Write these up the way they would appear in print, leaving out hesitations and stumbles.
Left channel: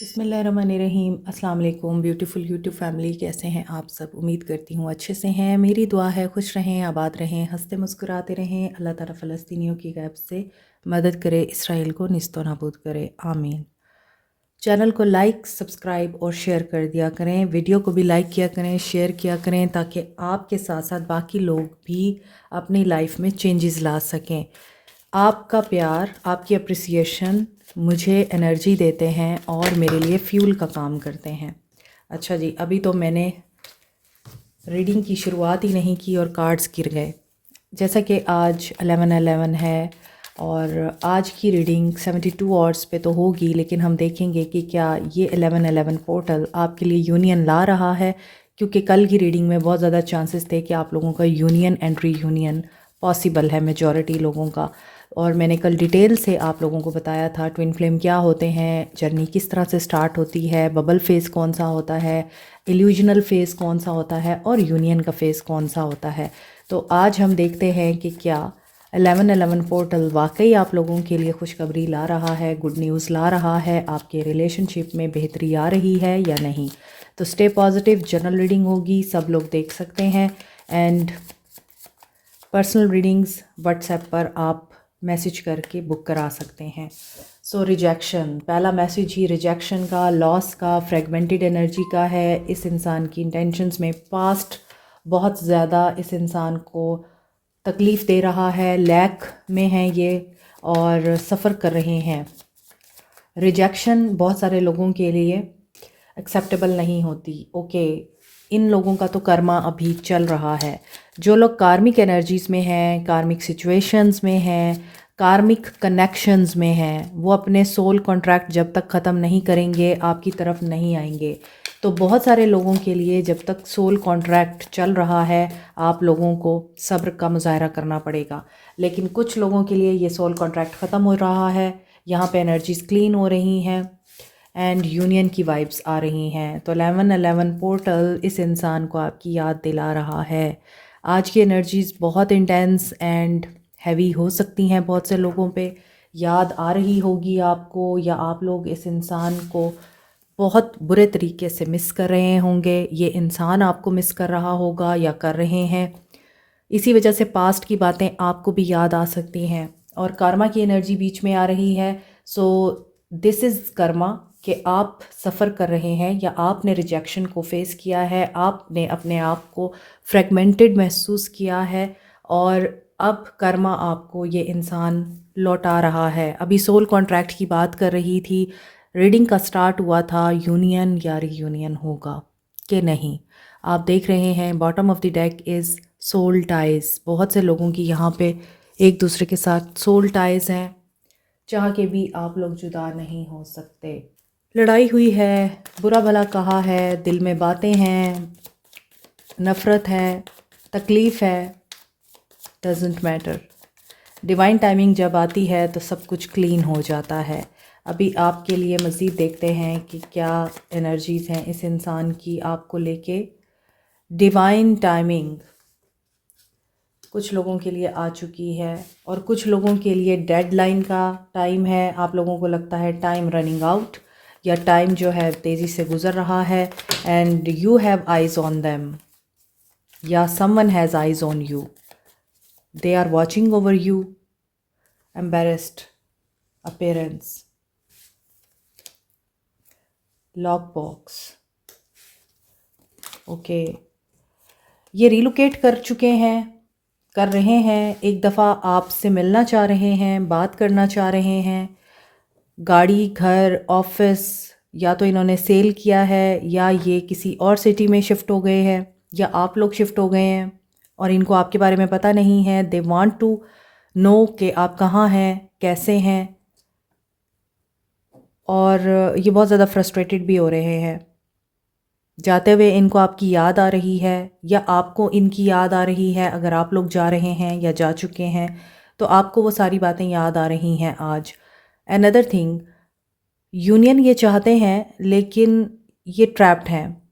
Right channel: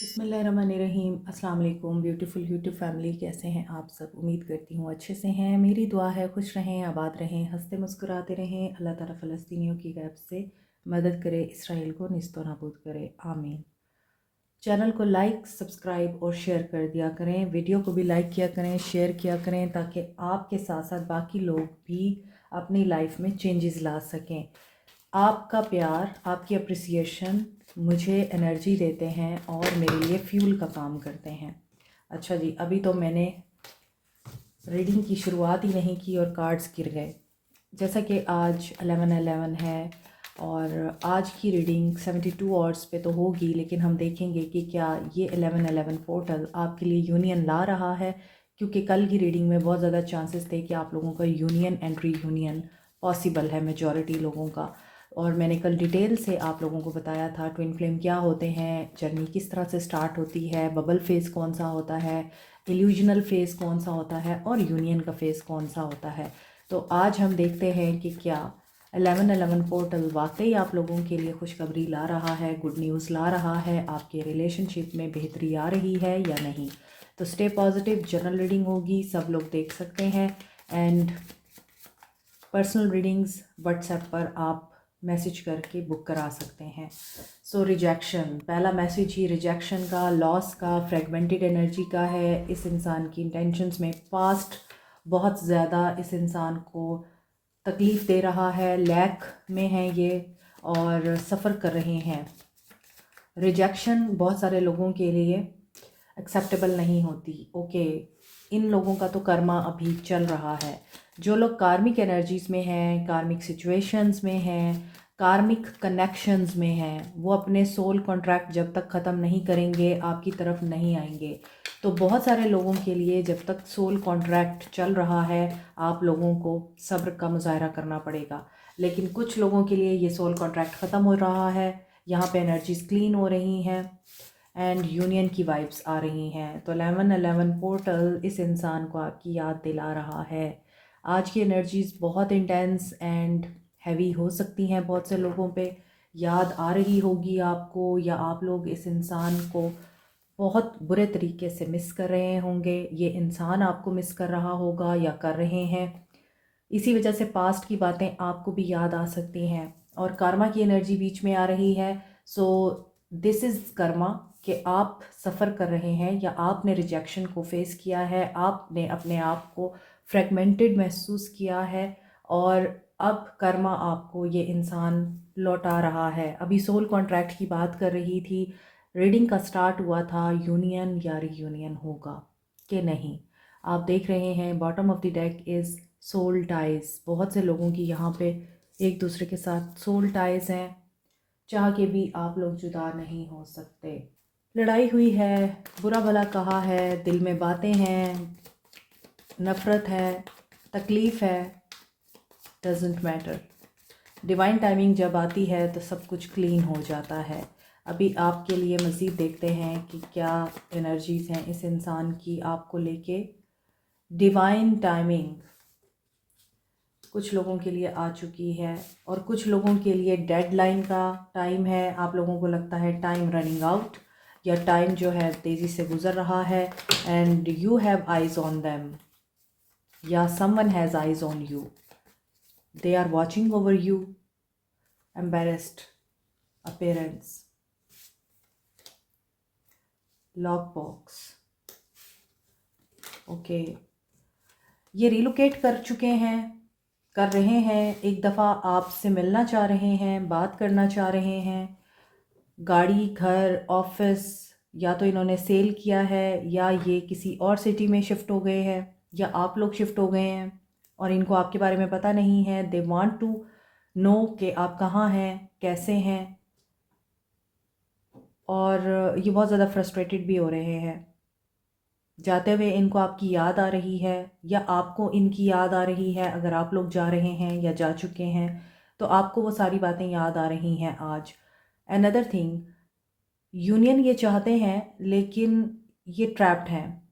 बिस्मिल्लाहिर्रहमानिर्रहीम। अस्सलाम वालेकुम ब्यूटीफुल यूट्यूब फैमिली, कैसे हैं आप सब? उम्मीद करती हूँ अच्छे से हैं। मेरी दुआ है खुश रहें, आबाद रहें, हंसते मुस्कुराते रहें। अल्लाह ताला फ़लस्तीनियों की गैब से मदद करे, इसराइल को निस्तो नाबूद करे, आमीन। चैनल को लाइक सब्सक्राइब और शेयर कर दिया करें। वीडियो को भी लाइक किया करें, शेयर किया करें, ताकि आपके साथ साथ बाकी लोग भी अपनी लाइफ में चेंजेस ला सकें। आपका प्यार, आपकी अप्रिसिएशन मुझे एनर्जी देते हैं और मेरे लिए फ्यूल का काम करते हैं। अच्छा जी, अभी तो मैंने रीडिंग की शुरुआत ही नहीं की और कार्ड्स गिर गए। जैसा कि आज 11/11 है और आज की रीडिंग 72 आवर्स पे तो होगी, लेकिन हम देखेंगे कि क्या ये 11/11 पोर्टल आपके लिए यूनियन ला रहा है, क्योंकि कल की रीडिंग में बहुत ज़्यादा चांसेस थे कि आप लोगों का यूनियन एंड रीयूनियन पॉसिबल है, मेजॉरिटी लोगों का। और मैंने कल डिटेल से आप लोगों को बताया था ट्विन फ्लेम क्या होते हैं, जर्नी किस तरह से स्टार्ट होती है, बबल फेस कौन सा होता है, इल्यूजनल फेस कौन सा होता है और यूनियन का फेस कौन सा होता है। तो आज हम देखते हैं कि क्या 11/11 पोर्टल वाकई आप लोगों के लिए खुशखबरी ला रहा है, गुड न्यूज़ ला रहा है, आपके रिलेशनशिप में बेहतरी आ रही है या नहीं। तो स्टे पॉजिटिव। जनरल रीडिंग होगी, सब लोग देख सकते हैं। एंड पर्सनल रीडिंग्स व्हाट्सएप पर आप मैसेज करके बुक करा सकते हैं। सो रिजेक्शन, पहला मैसेज ही रिजेक्शन का, लॉस का, फ्रेगमेंटेड एनर्जी का है। इस इंसान की इंटेंशंस में पास्ट बहुत ज़्यादा इस इंसान को तकलीफ़ दे रहा है, लैक में है ये और सफ़र कर रहे हैं। रिजेक्शन बहुत सारे लोगों के लिए एक्सेप्टेबल नहीं होती। ओके, इन लोगों का तो कर्मा अभी चल रहा है। जो लोग कार्मिक एनर्जीज़ में हैं, कार्मिक सिचुएशंस में हैं, कार्मिक कनेक्शंस में हैं, वो अपने सोल कॉन्ट्रैक्ट जब तक ख़त्म नहीं करेंगे आपकी तरफ नहीं आएंगे। तो बहुत सारे लोगों के लिए जब तक सोल कॉन्ट्रैक्ट चल रहा है आप लोगों को सब्र का मुजाहरा करना पड़ेगा। लेकिन कुछ लोगों के लिए ये सोल कॉन्ट्रैक्ट ख़त्म हो रहा है, यहाँ पे एनर्जीज़ क्लीन हो रही हैं एंड यूनियन की वाइब्स आ रही हैं। तो 11/11 पोर्टल इस इंसान को आपकी याद दिला रहा है। आज की एनर्जीज़ बहुत इंटेंस एंड हैवी हो सकती हैं, बहुत से लोगों पे याद आ रही होगी आपको, या आप लोग इस इंसान को बहुत बुरे तरीके से मिस कर रहे होंगे, ये इंसान आपको मिस कर रहा होगा या कर रहे हैं। इसी वजह से पास्ट की बातें आपको भी याद आ सकती हैं और कर्मा की एनर्जी बीच में आ रही है। सो दिस इज़ कर्मा कि आप सफ़र कर रहे हैं या आपने रिजेक्शन को फेस किया है, आपने अपने आप को फ्रेगमेंटेड महसूस किया है और अब कर्मा आपको ये इंसान लौटा रहा है। अभी सोल कॉन्ट्रैक्ट की बात कर रही थी, रीडिंग का स्टार्ट हुआ था यूनियन या रीयूनियन होगा कि नहीं। आप देख रहे हैं bottom of the deck is soul ties. बहुत से लोगों की यहाँ पे एक दूसरे के साथ सोल टाइज़ हैं, चाह के भी आप लोग जुदा नहीं हो सकते। लड़ाई हुई है, बुरा भला कहा है, दिल में बातें हैं, नफ़रत है, तकलीफ़ है, डजेंट मैटर। डिवाइन टाइमिंग जब आती है तो सब कुछ क्लीन हो जाता है। अभी आपके लिए मज़ीद देखते हैं कि क्या एनर्जीज़ हैं इस इंसान की आपको लेके। डिवाइन टाइमिंग कुछ लोगों के लिए आ चुकी है और कुछ लोगों के लिए डेडलाइन का टाइम है। आप लोगों को लगता है टाइम रनिंग आउट या टाइम जो है तेज़ी से गुज़र रहा है and you have eyes on them या someone has eyes on you, they are watching over you. Embarrassed appearance, lock box. Okay, ये रिलोकेट कर चुके हैं, कर रहे हैं, एक दफ़ा आपसे मिलना चाह रहे हैं, बात करना चाह रहे हैं। गाड़ी, घर, ऑफिस या तो इन्होंने सेल किया है या ये किसी और सिटी में शिफ्ट हो गए हैं या आप लोग शिफ्ट हो गए हैं और इनको आपके बारे में पता नहीं है। दे वांट टू नो कि आप कहाँ हैं, कैसे हैं, और ये बहुत ज़्यादा फ्रस्ट्रेटेड भी हो रहे हैं। जाते हुए इनको आपकी याद आ रही है या आपको इनकी याद आ रही है। अगर आप लोग जा रहे हैं या जा चुके हैं तो आपको वो सारी बातें याद आ रही हैं आज। अनदर थिंग, यूनियन ये चाहते हैं लेकिन ये ट्रैप्ड हैं।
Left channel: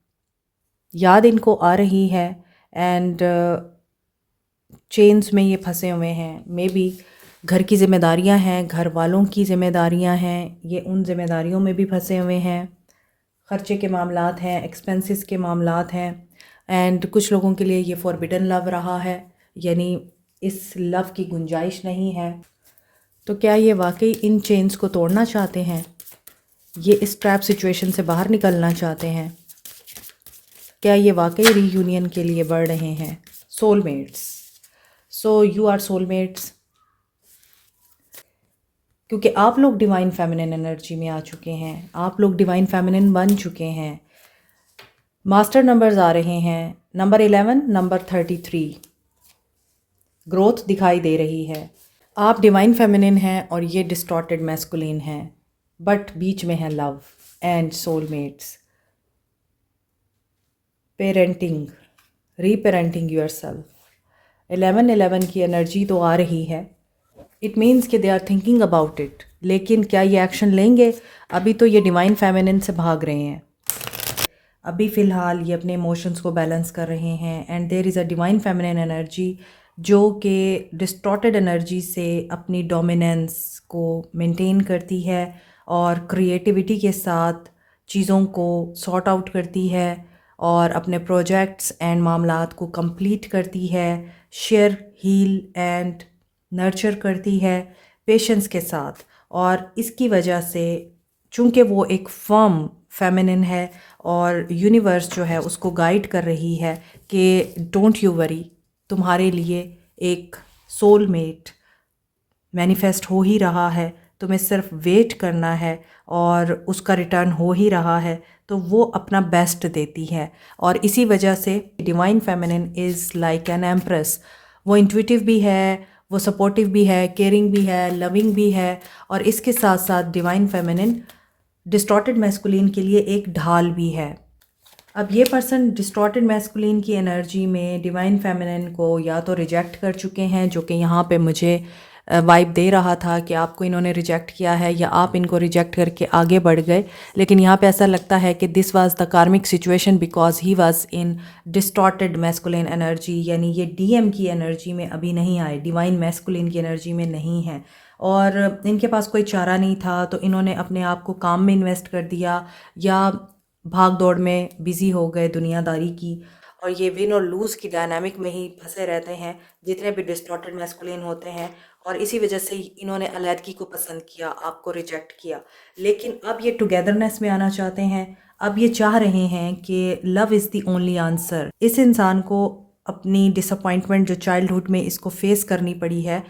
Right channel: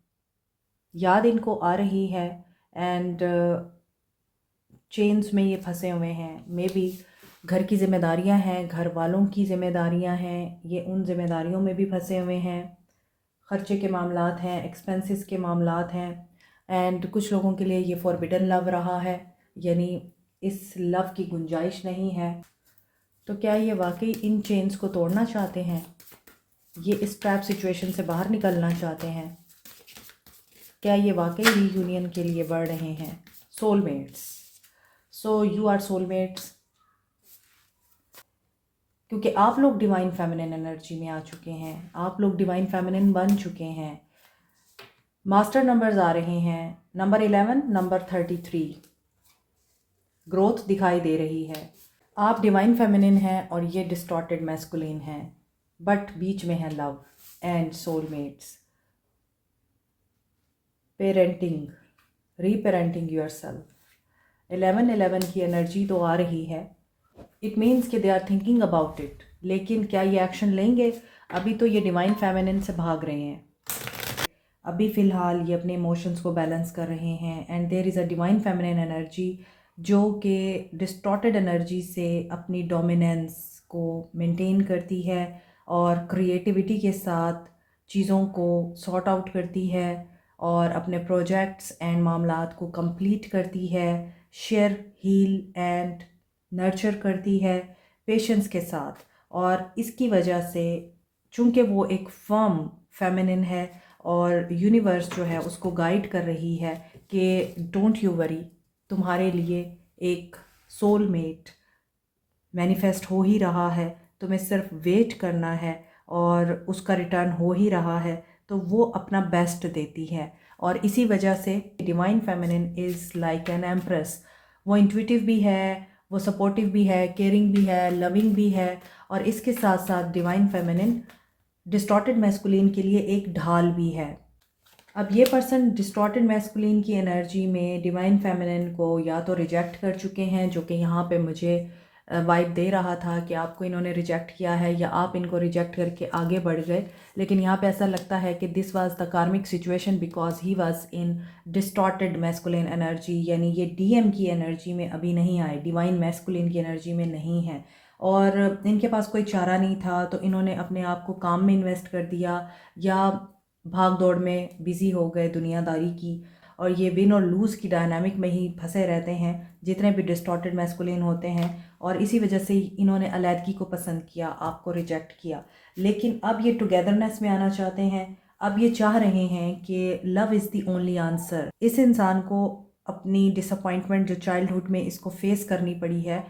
याद इनको आ रही है एंड चेन्स में ये फंसे हुए हैं। मे बी घर की ज़िम्मेदारियां हैं, घर वालों की ज़िम्मेदारियां हैं, ये उन ज़िम्मेदारियों में भी फंसे हुए हैं। ख़र्चे के मामलात हैं, एक्सपेंसेस के मामलात हैं। एंड कुछ लोगों के लिए ये फॉरबिडन लव रहा है, यानी इस लव की गुंजाइश नहीं है। तो क्या ये वाकई इन चेन्स को तोड़ना चाहते हैं? ये इस ट्रैप सिचुएशन से बाहर निकलना चाहते हैं? क्या ये वाकई रीयूनियन के लिए बढ़ रहे हैं? Soulmates. So you are soulmates, क्योंकि आप लोग डिवाइन फेमिनिन एनर्जी में आ चुके हैं, आप लोग डिवाइन फेमिनिन बन चुके हैं। मास्टर नंबर्स आ रहे हैं, नंबर 11, नंबर 33। ग्रोथ दिखाई दे रही है। आप डिवाइन फेमिनिन हैं और ये डिस्टॉर्टेड मैस्कुलिन हैं, बट बीच में है love and soulmates. Parenting, reparenting yourself. 11-11 की एनर्जी तो आ रही है। इट मीन्स कि they are thinking about it, लेकिन क्या ये एक्शन लेंगे? अभी तो ये डिवाइन फेमिनिन से भाग रहे हैं। अभी फ़िलहाल ये अपने इमोशंस को बैलेंस कर रहे हैं। And there is a divine feminine energy जो कि डिस्टॉर्टेड एनर्जी से अपनी डोमिनेंस को मेंटेन करती है और क्रिएटिविटी के साथ चीज़ों को सॉर्ट आउट करती है और अपने प्रोजेक्ट्स एंड मामलात को कंप्लीट करती है, शेयर, हील एंड नर्चर करती है पेशेंस के साथ। और इसकी वजह से चूँकि वो एक फर्म फेमिनिन है और यूनिवर्स जो है उसको गाइड कर रही है कि डोंट यू वरी, तुम्हारे लिए एक सोलमेट मैनिफेस्ट हो ही रहा है, तुम्हें सिर्फ वेट करना है और उसका रिटर्न हो ही रहा है। तो वो अपना बेस्ट देती है और इसी वजह से divine feminine is like an empress. वो इंट्यूटिव भी है, वो सपोर्टिव भी है, केयरिंग भी है, लविंग भी है। और इसके साथ साथ डिवाइन फेमिनिन डिस्टॉर्टेड मैस्कुलिन के लिए एक ढाल भी है। अब ये पर्सन डिस्टॉर्टेड मैस्कुलिन की एनर्जी में डिवाइन फेमिनिन को या तो रिजेक्ट कर चुके हैं, जो कि यहाँ पे मुझे वाइब दे रहा था कि आपको इन्होंने रिजेक्ट किया है, या आप इनको रिजेक्ट करके आगे बढ़ गए। लेकिन यहाँ पे ऐसा लगता है कि दिस वाज द कार्मिक situation because he was in distorted masculine energy, यानी ये डीएम की एनर्जी में अभी नहीं आए, डिवाइन मैस्कुलिन की एनर्जी में नहीं है और इनके पास कोई चारा नहीं था। तो इन्होंने अपने आप को काम में इन्वेस्ट कर दिया या भाग दौड़ में बिज़ी हो गए दुनियादारी की, और ये विन और लूज़ की डायनामिक में ही फंसे रहते हैं जितने भी डिस्टॉर्टेड मैस्कुलिन होते हैं। और इसी वजह से इन्होंने अलैदगी को पसंद किया, आपको रिजेक्ट किया। लेकिन अब ये टुगेदरनेस में आना चाहते हैं। अब ये चाह रहे हैं कि love is the only answer. इस इंसान को अपनी डिसअपॉइंटमेंट जो चाइल्डहुड में इसको फेस करनी पड़ी है,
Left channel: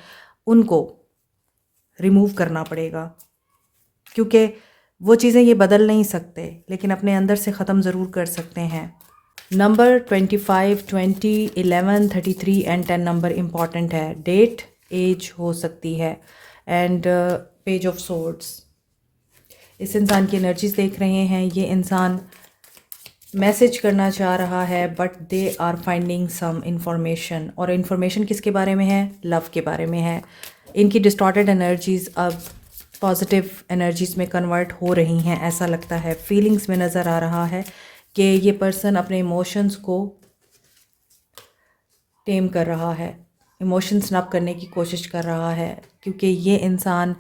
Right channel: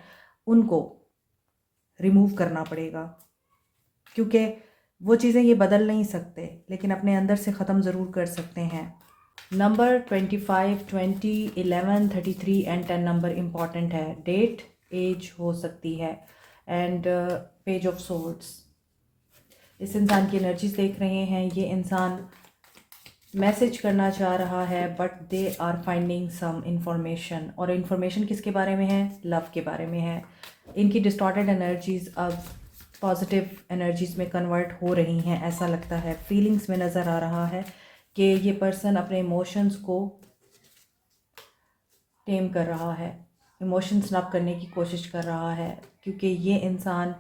उनको रिमूव करना पड़ेगा, क्योंकि वो चीज़ें ये बदल नहीं सकते, लेकिन अपने अंदर से ख़त्म ज़रूर कर सकते हैं। नंबर 25, 20, 11, 33 एंड 10 नंबर इम्पॉर्टेंट है। डेट, एज हो सकती है एंड पेज ऑफ सोर्ड्स। इस इंसान की एनर्जीज देख रहे हैं। ये इंसान मैसेज करना चाह रहा है but they are finding some information, और इन्फॉर्मेशन किसके बारे में है? लव के बारे में है। इनकी डिस्टॉर्टेड एनर्जीज़ अब पॉजिटिव एनर्जीज़ में कन्वर्ट हो रही हैं, ऐसा लगता है। फीलिंग्स में नज़र आ रहा है कि ये पर्सन अपने इमोशंस को टेम कर रहा है, इमोशंस नप करने की कोशिश कर रहा है, क्योंकि ये इंसान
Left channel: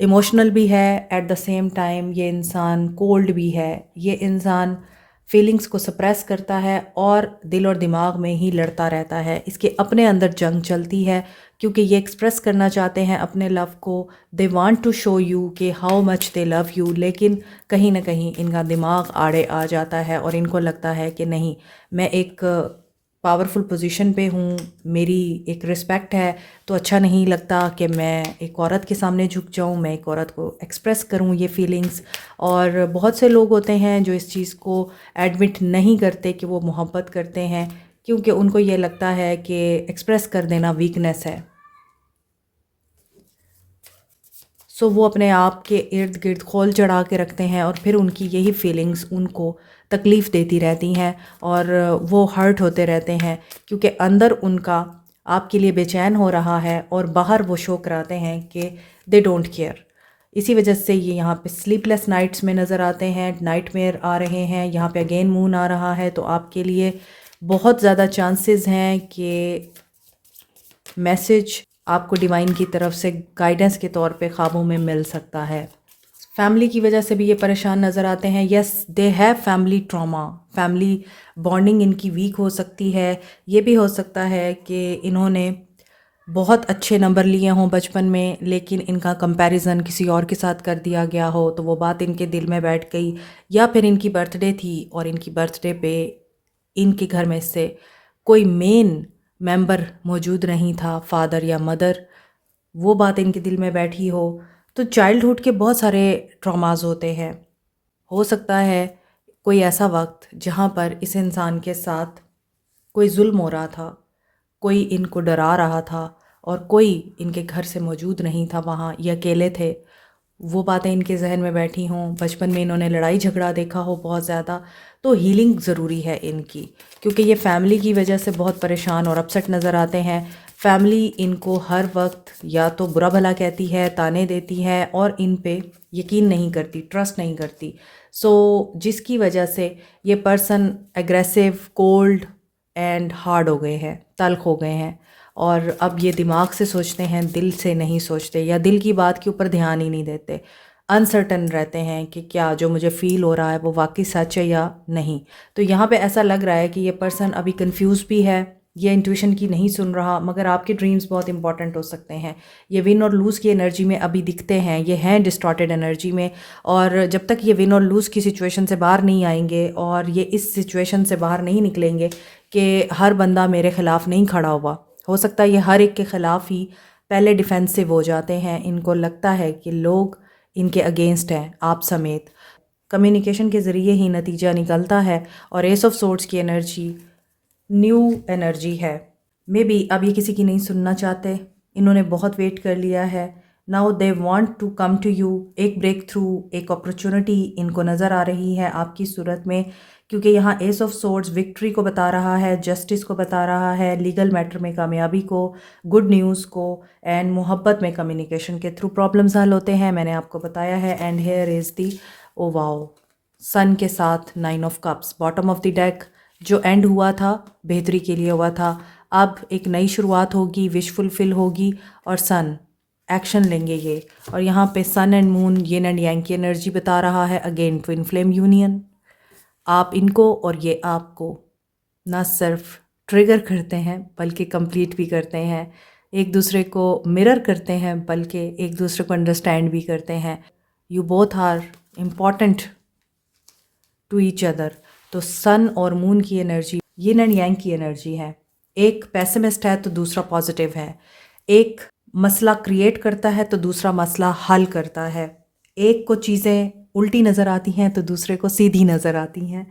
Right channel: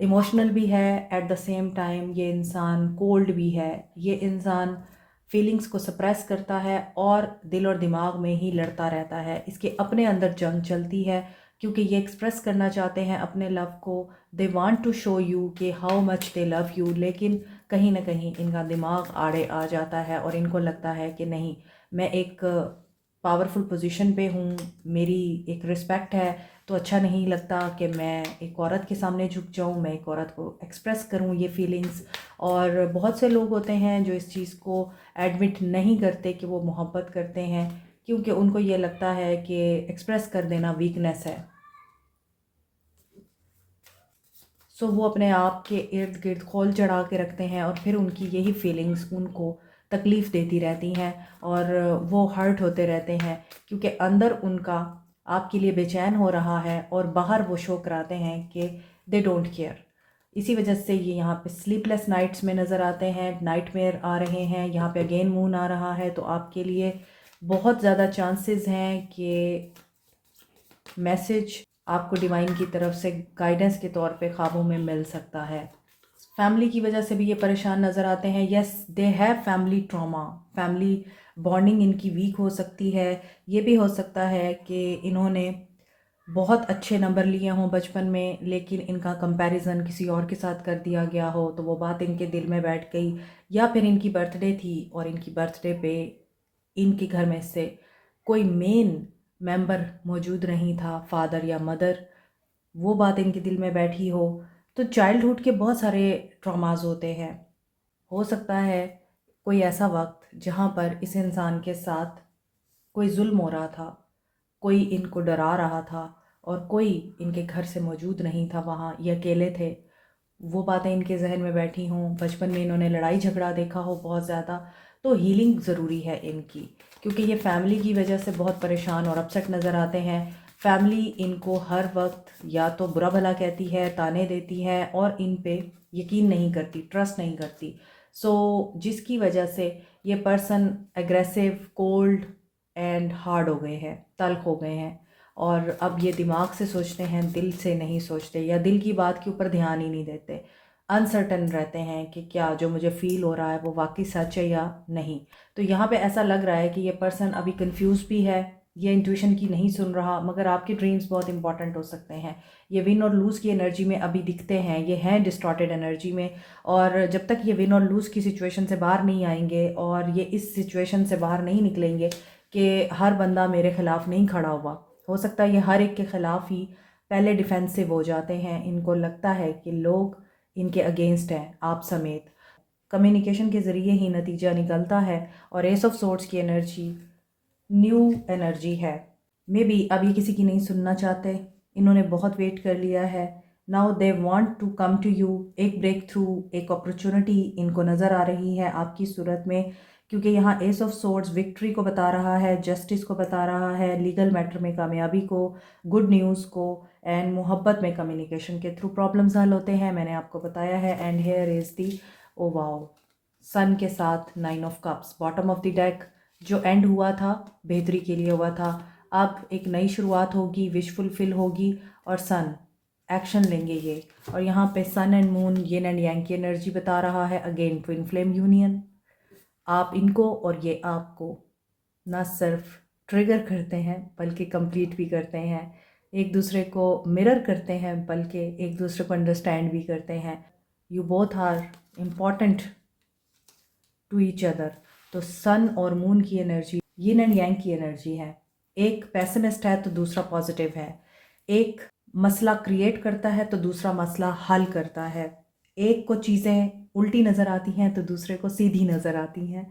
इमोशनल भी है, एट द सेम टाइम ये इंसान कोल्ड भी है। ये इंसान फीलिंग्स को सप्रेस करता है और दिल और दिमाग में ही लड़ता रहता है। इसके अपने अंदर जंग चलती है, क्योंकि ये एक्सप्रेस करना चाहते हैं अपने लव को। They want to show you कि how much they love you, लेकिन कहीं ना कहीं इनका दिमाग आड़े आ जाता है और इनको लगता है कि नहीं, मैं एक पावरफुल पोजीशन पे हूँ, मेरी एक रिस्पेक्ट है, तो अच्छा नहीं लगता कि मैं एक औरत के सामने झुक जाऊँ, मैं एक औरत को एक्सप्रेस करूँ ये फीलिंग्स। और बहुत से लोग होते हैं जो इस चीज़ को एडमिट नहीं करते कि वो मोहब्बत करते हैं, क्योंकि उनको ये लगता है कि एक्सप्रेस कर देना वीकनेस है। सो वो अपने आप के इर्द गिर्द खोल चढ़ा के रखते हैं और फिर उनकी यही फीलिंग्स उनको तकलीफ़ देती रहती हैं और वो हर्ट होते रहते हैं, क्योंकि अंदर उनका आपके लिए बेचैन हो रहा है और बाहर वो शो कराते हैं कि दे डोंट केयर। इसी वजह से ये यहाँ पे स्लीपलेस नाइट्स में नज़र आते हैं, नाइटमेयर आ रहे हैं। यहाँ पे अगेन मून आ रहा है, तो आपके लिए बहुत ज़्यादा चांसेस हैं कि मैसेज आपको डिवाइन की तरफ से गाइडेंस के तौर पे ख्वाबों में मिल सकता है। फैमिली की वजह से भी ये परेशान नज़र आते हैं। Yes, they have family trauma, family bonding इनकी वीक हो सकती है। ये भी हो सकता है कि इन्होंने बहुत अच्छे नंबर लिए हों बचपन में, लेकिन इनका कंपैरिजन किसी और के साथ कर दिया गया हो, तो वो बात इनके दिल में बैठ गई। या फिर इनकी बर्थडे थी और इनकी बर्थडे पे इनके घर में से कोई मेन मेंबर मौजूद नहीं था, फादर या मदर, वो बात इनके दिल में बैठी हो। तो चाइल्डहुड के बहुत सारे ट्रॉमास होते हैं। हो सकता है कोई ऐसा वक्त जहाँ पर इस इंसान के साथ कोई जुल्म हो रहा था, कोई इनको डरा रहा था और कोई इनके घर से मौजूद नहीं था वहाँ, ये अकेले थे। वो बातें इनके जहन में बैठी हों, बचपन में इन्होंने लड़ाई झगड़ा देखा हो बहुत ज़्यादा। तो हीलिंग ज़रूरी है इनकी, क्योंकि ये फैमिली की वजह से बहुत परेशान और अपसेट नज़र आते हैं। फैमिली इनको हर वक्त या तो बुरा भला कहती है, ताने देती है और इन पे यकीन नहीं करती, ट्रस्ट नहीं करती। जिसकी वजह से ये person aggressive, cold and hard हो गए हैं, तल्ख हो गए हैं। और अब ये दिमाग से सोचते हैं, दिल से नहीं सोचते, या दिल की बात के ऊपर ध्यान ही नहीं देते। अनसर्टन रहते हैं कि क्या जो मुझे फ़ील हो रहा है वो वाकई सच है या नहीं। तो यहाँ पे ऐसा लग रहा है कि ये पर्सन अभी कंफ्यूज भी है, ये इंट्यूशन की नहीं सुन रहा, मगर आपके ड्रीम्स बहुत इंपॉर्टेंट हो सकते हैं। ये विन और लूज़ की एनर्जी में अभी दिखते हैं, ये हैं डिस्टॉर्टेड एनर्जी में। और जब तक ये विन और लूज़ की सिचुएशन से बाहर नहीं आएंगे और ये इस सिचुएशन से बाहर नहीं निकलेंगे कि हर बंदा मेरे ख़िलाफ़ नहीं खड़ा हुआ, हो सकता है ये हर एक के ख़िलाफ़ ही पहले डिफेंसिव हो जाते हैं। इनको लगता है कि लोग इनके अगेंस्ट हैं, आप समेत। कम्युनिकेशन के ज़रिए ही नतीजा निकलता है। और एस ऑफ सोर्ड्स की एनर्जी न्यू एनर्जी है। मे बी अब ये किसी की नहीं सुनना चाहते, इन्होंने बहुत वेट कर लिया है। Now they want to come to you. एक ब्रेक थ्रू, एक अपॉर्चुनिटी इनको नज़र आ रही है आपकी सूरत में, क्योंकि यहाँ एस ऑफ सोर्ड्स विक्ट्री को बता रहा है, जस्टिस को बता रहा है, लीगल मैटर में कामयाबी को, गुड न्यूज़ को, एंड मोहब्बत में कम्युनिकेशन के थ्रू प्रॉब्लम्स हल होते हैं, मैंने आपको बताया है। And here is the oh wow, sun के साथ 9 of cups, bottom of the deck. जो एंड हुआ था बेहतरी के लिए हुआ था, अब एक नई शुरुआत होगी, विश फुलफिल होगी और सन एक्शन लेंगे ये। और यहाँ पे sun and moon, yin and yang की एनर्जी बता रहा है, अगेन ट्विन फ्लेम यूनियन। आप इनको और ये आपको ना सिर्फ ट्रिगर करते हैं बल्कि कंप्लीट भी करते हैं, एक दूसरे को मिरर करते हैं बल्कि एक दूसरे को अंडरस्टैंड भी करते हैं। You both are important to each other. तो सन और मून की एनर्जी यिन एंड यांग की एनर्जी है। एक पेसिमिस्ट है तो दूसरा पॉजिटिव है, एक मसला क्रिएट करता है तो दूसरा मसला हल करता है, एक को चीज़ें उल्टी नज़र आती हैं तो दूसरे को सीधी नज़र आती हैं,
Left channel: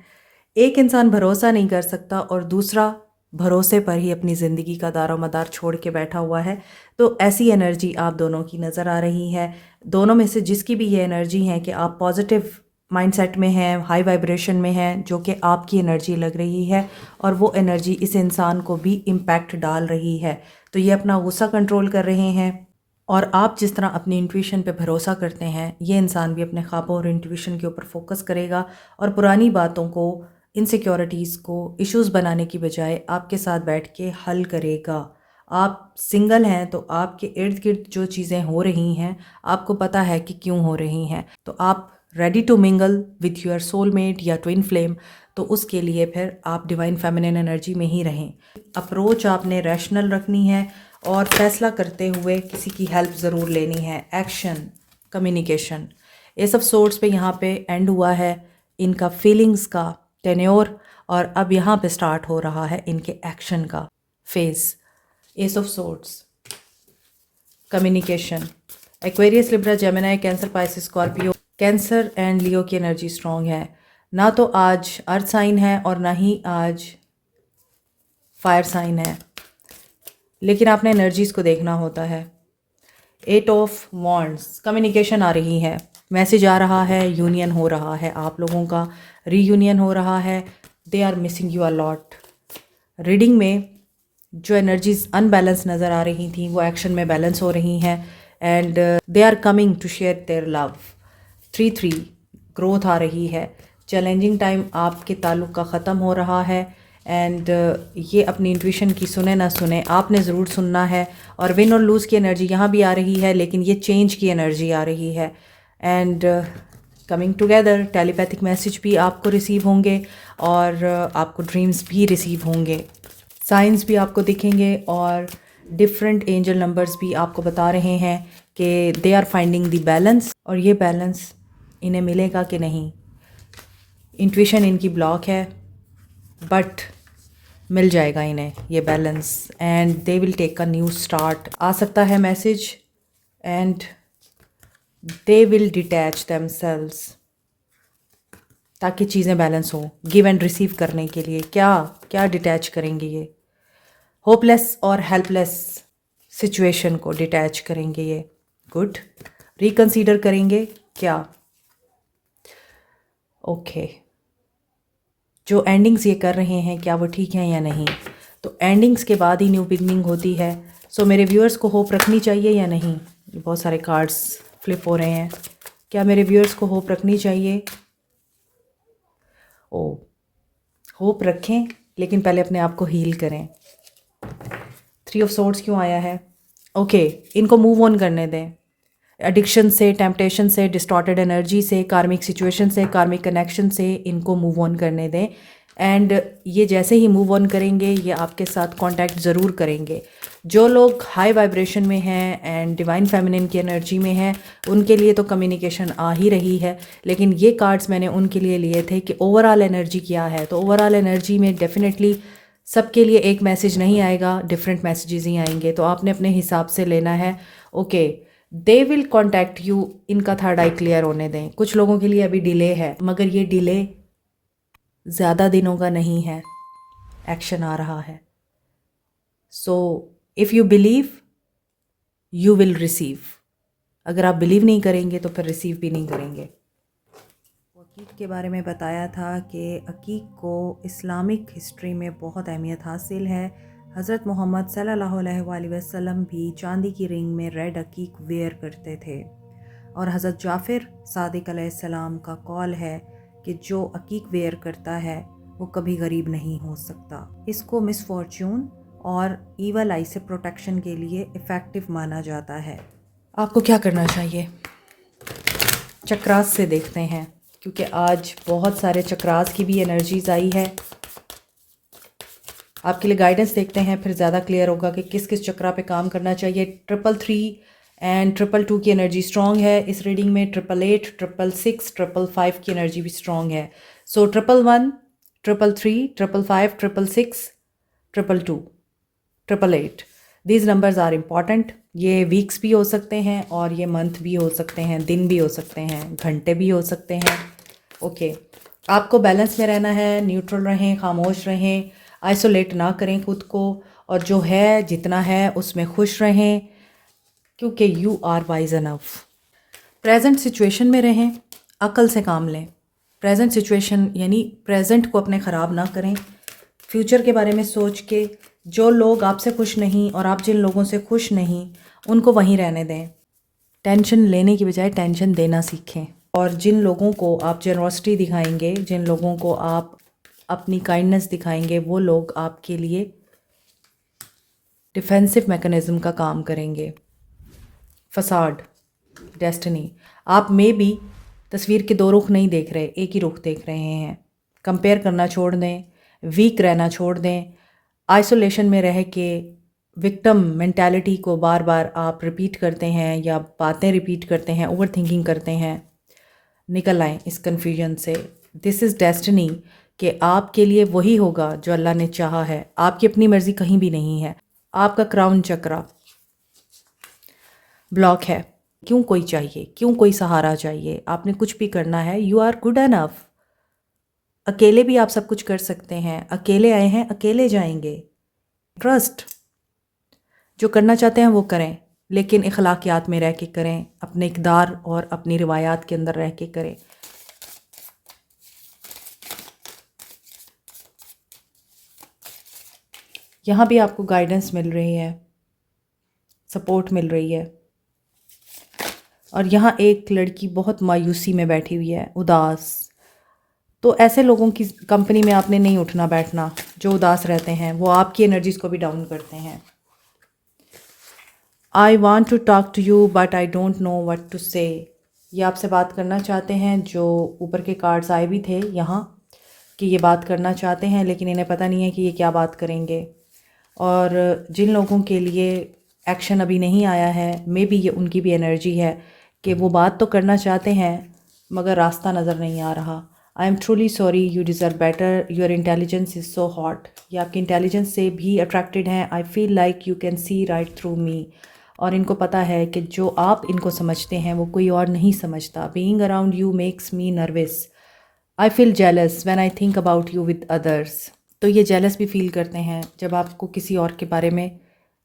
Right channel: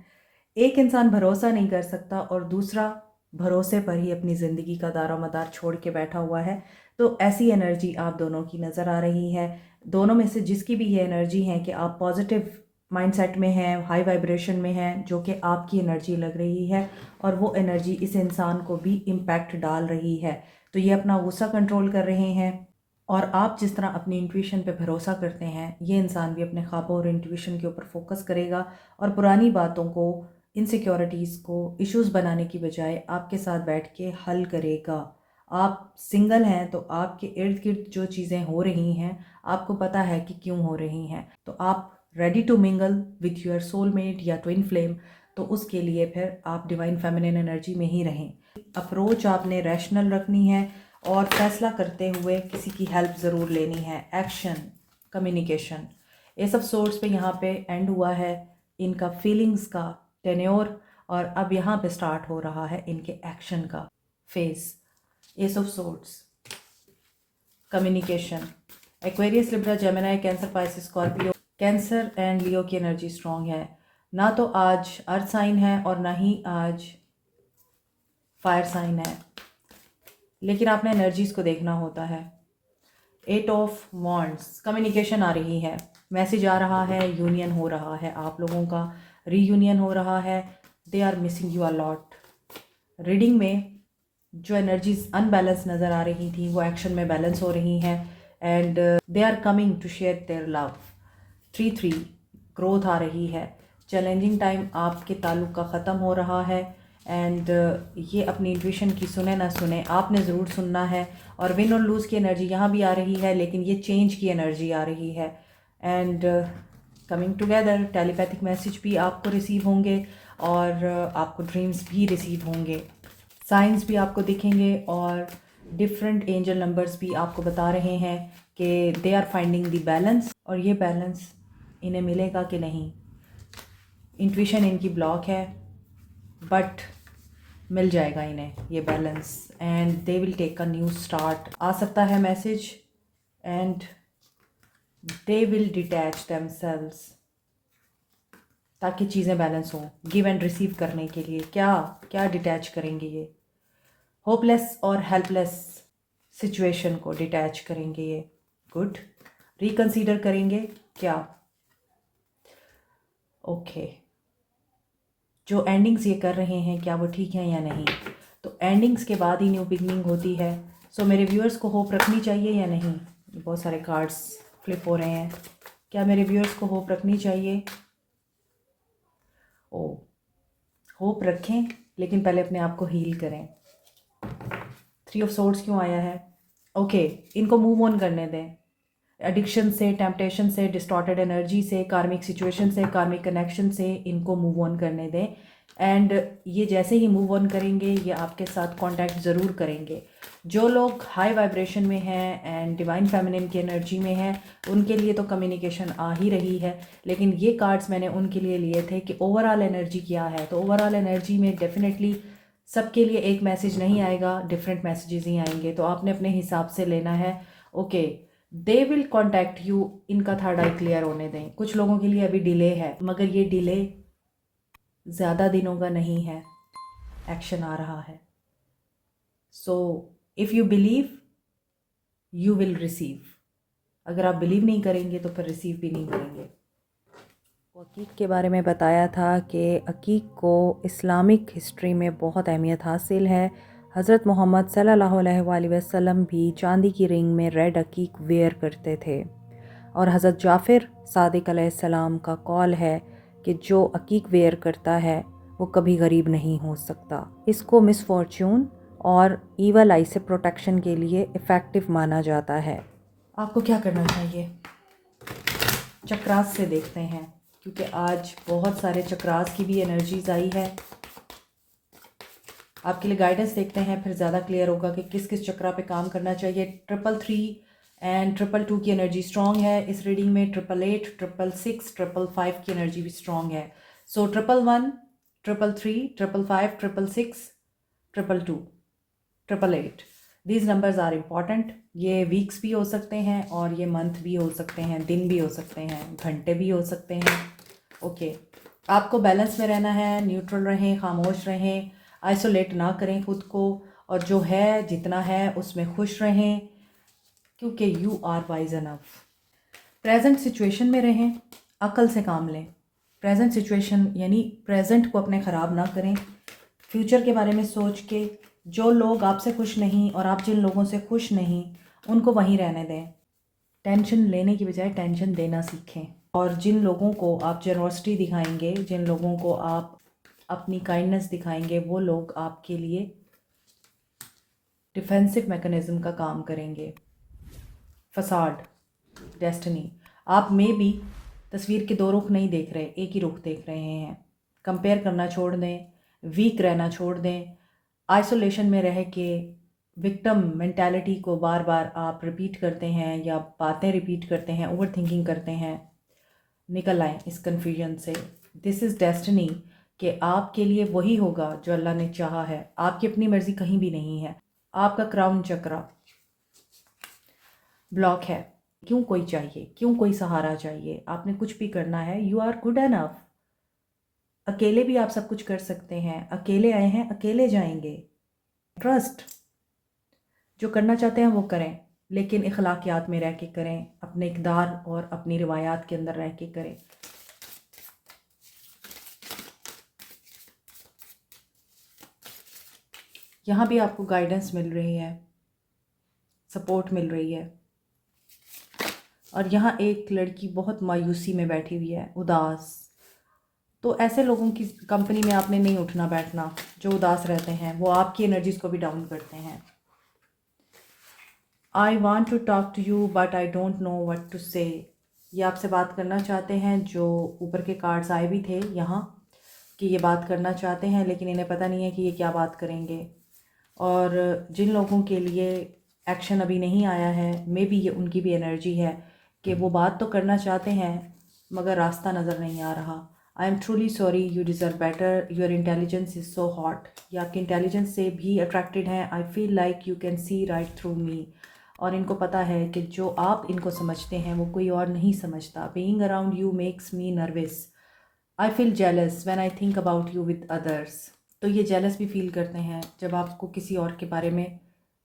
एक इंसान भरोसा नहीं कर सकता और दूसरा भरोसे पर ही अपनी ज़िंदगी का दारोमदार छोड़ के बैठा हुआ है। तो ऐसी एनर्जी आप दोनों की नज़र आ रही है। दोनों में से जिसकी भी ये एनर्जी है कि आप पॉजिटिव माइंडसेट में हैं, हाई वाइब्रेशन में हैं, जो कि आपकी एनर्जी लग रही है, और वो एनर्जी इस इंसान को भी इम्पैक्ट डाल रही है। तो ये अपना गुस्सा कंट्रोल कर रहे हैं, और आप जिस तरह अपनी इंट्यूशन पे भरोसा करते हैं, ये इंसान भी अपने ख्वाबों और इंट्यूशन के ऊपर फोकस करेगा और पुरानी बातों को, इनसिक्योरिटीज़ को इश्यूज़ बनाने की बजाय आपके साथ बैठ के हल करेगा। आप सिंगल हैं तो आपके इर्द गिर्द जो चीज़ें हो रही हैं आपको पता है कि क्यों हो रही हैं, तो आप ready to mingle with your soulmate या ट्विन फ्लेम। तो उसके लिए फिर आप डिवाइन फेमिनिन एनर्जी में ही रहें। अप्रोच आपने रैशनल रखनी है और फैसला करते हुए किसी की हेल्प ज़रूर लेनी है। एक्शन, कम्युनिकेशन, ये सब सोर्स पे यहाँ पे एंड हुआ है इनका फीलिंग्स का टेन्योर, और अब यहाँ पे स्टार्ट हो रहा है इनके एक्शन का phase. Ace of swords, communication, Aquarius, Libra, Gemini, Cancer, Pisces, Scorpio. Cancer and Leo की एनर्जी स्ट्रॉन्ग है। ना तो आज अर्थ साइन है और ना ही आज फायर साइन है, लेकिन आपने एनर्जीज़ को देखना होता है। 8 ऑफ वॉन्ड्स, कम्युनिकेशन आ रही है, मैसेज आ रहा है, यूनियन हो रहा है, आप लोगों का रीयूनियन हो रहा है। They are missing you a lot. Reading में जो एनर्जीज अनबैलेंस नज़र आ रही थी वो एक्शन में बैलेंस हो रही हैं, and they are coming to share their love. 3-3 growth आ रही है। चैलेंजिंग टाइम आपके ताल्लुक़ का ख़त्म हो रहा है, एंड ये अपनी इंट्यूशन की सुने ना सुने, आपने ज़रूर सुनना है। और विन और लूज़ की एनर्जी यहाँ भी आ रही है, लेकिन ये चेंज की एनर्जी आ रही है। And coming together. Telepathic message भी आपको रिसीव होंगे और आपको ड्रीम्स भी रिसीव होंगे, साइंस भी आपको दिखेंगे और डिफरेंट एंजल नंबर्स भी आपको बता रहे हैं कि they are finding the balance, और ये बैलेंस इन्हें मिलेगा कि नहीं। इंट्यूशन इनकी ब्लॉक है बट मिल जाएगा इन्हें ये balance and they will take a new start. आ सकता है message and they will detach themselves ताकि चीज़ें बैलेंस हो। गिव एंड रिसीव करने के लिए क्या क्या डिटैच करेंगे ये, होपलेस और हेल्पलेस सिचुएशन को डिटैच करेंगे ये। गुड। रिकंसीडर करेंगे क्या। ओके जो एंडिंग्स ये कर रहे हैं क्या वो ठीक हैं या नहीं, तो एंडिंग्स के बाद ही न्यू बिगनिंग होती है। सो मेरे व्यूअर्स को होप रखनी चाहिए या नहीं। बहुत सारे कार्ड्स फ्लिप हो रहे हैं, क्या मेरे व्यूअर्स को होप रखनी चाहिए। ओ होप रखें लेकिन पहले अपने आप को हील करें। 3 ऑफ सोर्ड्स क्यों आया है। ओके इनको मूव ऑन करने दें एडिक्शन से, टेम्पटेशन से, डिस्टॉर्टेड एनर्जी से, कार्मिक सिचुएशन से, कार्मिक कनेक्शन से इनको मूव ऑन करने दें। एंड ये जैसे ही मूव ऑन करेंगे ये आपके साथ कांटेक्ट ज़रूर करेंगे। जो लोग हाई वाइब्रेशन में हैं एंड डिवाइन फेमिनिन की एनर्जी में हैं उनके लिए तो कम्युनिकेशन आ ही रही है, लेकिन ये कार्ड्स मैंने उनके लिए लिए थे कि ओवरऑल एनर्जी क्या है। तो ओवरऑल एनर्जी में डेफिनेटली सबके लिए एक मैसेज नहीं आएगा, डिफरेंट मैसेजेस ही आएंगे, तो आपने अपने हिसाब से लेना है। Okay they will contact you, इनका थर्ड आई क्लियर होने दें। कुछ लोगों के लिए अभी डिले है मगर ये डिले ज़्यादा दिनों का नहीं है, एक्शन आ रहा है। So if you believe you will receive. अगर आप बिलीव नहीं करेंगे तो फिर रिसीव भी नहीं करेंगे। अकीक के बारे में बताया था कि अकीक को इस्लामिक हिस्ट्री में बहुत अहमियत हासिल है। हज़रत मोहम्मद सल्लल्लाहु अलैहि वसल्लम भी चांदी की रिंग में रेड अकीक वेयर करते थे और हज़रत जाफ़िर सादिक अलैहिस्सलाम का कॉल है कि जो अकीक वेयर करता है वो कभी गरीब नहीं हो सकता। इसको मिसफॉर्च्यून और ईवल आई से प्रोटेक्शन के लिए इफ़ेक्टिव माना जाता है। आपको क्या करना चाहिए, चक्रास से देखते हैं क्योंकि आज बहुत सारे चक्रास की भी एनर्जीज आई है। आपके लिए गाइडेंस देखते हैं फिर ज़्यादा क्लियर होगा कि किस किस चक्रा पे काम करना चाहिए। 333 एंड 222 की एनर्जी स्ट्रॉन्ग है इस रीडिंग में। 888, 666, 555 की एनर्जी भी स्ट्रॉन्ग है। सो 111, 333, 555, 666, 222, 888 दीज नंबर्स आर इम्पॉर्टेंट। ये वीक्स भी हो सकते हैं और ये मंथ भी हो सकते हैं, दिन भी हो सकते हैं, घंटे भी हो सकते हैं। ओके आपको बैलेंस में रहना है, न्यूट्रल रहें, खामोश रहें, आइसोलेट ना करें खुद को, और जो है जितना है उसमें खुश रहें क्योंकि you are wise enough. Present situation में रहें, अकल से काम लें। प्रेजेंट सिचुएशन यानी प्रेजेंट को अपने ख़राब ना करें। फ्यूचर के बारे में सोच के जो लोग आपसे खुश नहीं और आप जिन लोगों से खुश नहीं उनको वहीं रहने दें। टेंशन लेने की बजाय टेंशन देना सीखें। और जिन लोगों को आप जेनरॉसिटी दिखाएंगे, जिन लोगों को आप अपनी काइंडनेस दिखाएंगे, वो लोग आपके लिए डिफेंसिव मैकेनिज़्म का काम करेंगे। Facade, destiny. आप में भी तस्वीर के 2 रुख नहीं देख रहे, एक ही रुख देख रहे हैं। कंपेयर करना छोड़ दें, वीक रहना छोड़ दें। आइसोलेशन में रह के विक्टिम मेंटालिटी को बार बार आप रिपीट करते हैं या बातें रिपीट करते हैं, ओवर थिंकिंग करते हैं। निकल आएँ इस कन्फ्यूजन से। दिस इज़ डेस्टिनी कि आपके लिए वही होगा जो अल्लाह ने चाहा है। आपकी अपनी मर्ज़ी कहीं भी नहीं है। आपका क्राउन चक्रा ब्लॉक है। क्यों कोई चाहिए, क्यों कोई सहारा चाहिए। आपने कुछ भी करना है, यू आर गुड इनफ। अकेले भी आप सब कुछ कर सकते हैं। अकेले आए हैं, अकेले जाएंगे। ट्रस्ट, जो करना चाहते हैं वो करें, लेकिन इखलाकियात में रह के करें, अपने इक़दार और अपनी रिवायात के अंदर रह के करें। यहाँ भी आपको गाइडेंस मिल रही है, सपोर्ट मिल रही है। और यहाँ एक लड़की बहुत मायूसी में बैठी हुई है, उदास। तो ऐसे लोगों की कंपनी में आपने नहीं उठना बैठना जो उदास रहते हैं, वो आपकी एनर्जीज को भी डाउन करते हैं। I want to talk to you but I don't know what to say. ये आपसे बात करना चाहते हैं, जो ऊपर के कार्ड्स आए भी थे यहाँ कि ये बात करना चाहते हैं, लेकिन इन्हें पता नहीं है कि ये क्या बात करेंगे। और जिन लोगों के लिए एक्शन अभी नहीं आया है, मे बी ये उनकी भी एनर्जी है कि वो बात तो करना चाहते हैं मगर रास्ता नज़र नहीं आ रहा। I am truly sorry, you deserve better, your intelligence is so hot. ये आपकी इंटेलिजेंस से भी अट्रैक्टेड हैं। I feel like you can see right through me. और इनको पता है कि जो आप इनको समझते हैं वो कोई और नहीं समझता। Being around you makes me nervous. I feel jealous when I think about you with others. तो ये जेलस भी फील करते हैं जब आपको किसी और के बारे में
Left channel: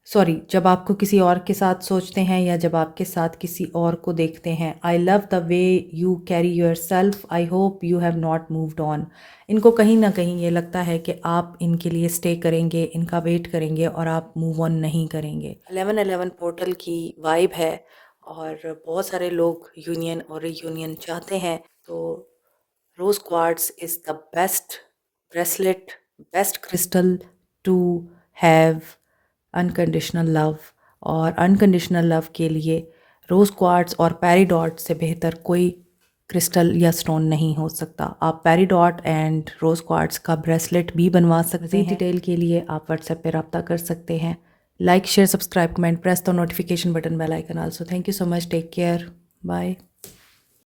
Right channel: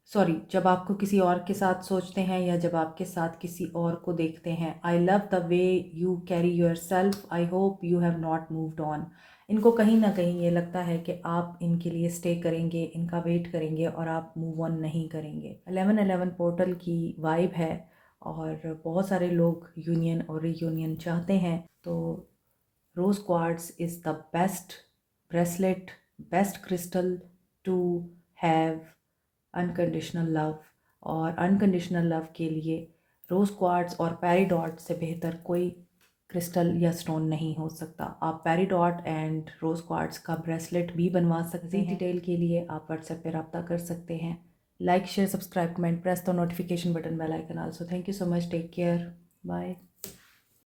जब आपको किसी और के साथ सोचते हैं या जब आपके साथ किसी और को देखते हैं। I love the way you carry your self, I hope you have not moved on. इनको कहीं ना कहीं ये लगता है कि आप इनके लिए स्टे करेंगे, इनका वेट करेंगे और आप मूव ऑन नहीं करेंगे। 11/11 पोर्टल की वाइब है और बहुत सारे लोग यूनियन और रीयूनियन चाहते हैं। तो rose quartz is the best bracelet, best crystal to have unconditional love. और अनकंडीशनल लव के लिए रोज़ क्वार्ट्स और पेरिडॉट से बेहतर कोई क्रिस्टल या स्टोन नहीं हो सकता। आप पेरिडॉट एंड रोज़ क्वार्ट्स का ब्रेसलेट भी बनवा सकते हैं। डिटेल के लिए आप व्हाट्सएप पे रब्ता कर सकते हैं। Like share subscribe comment press the notification button bell icon also. Thank you so much, take care, bye.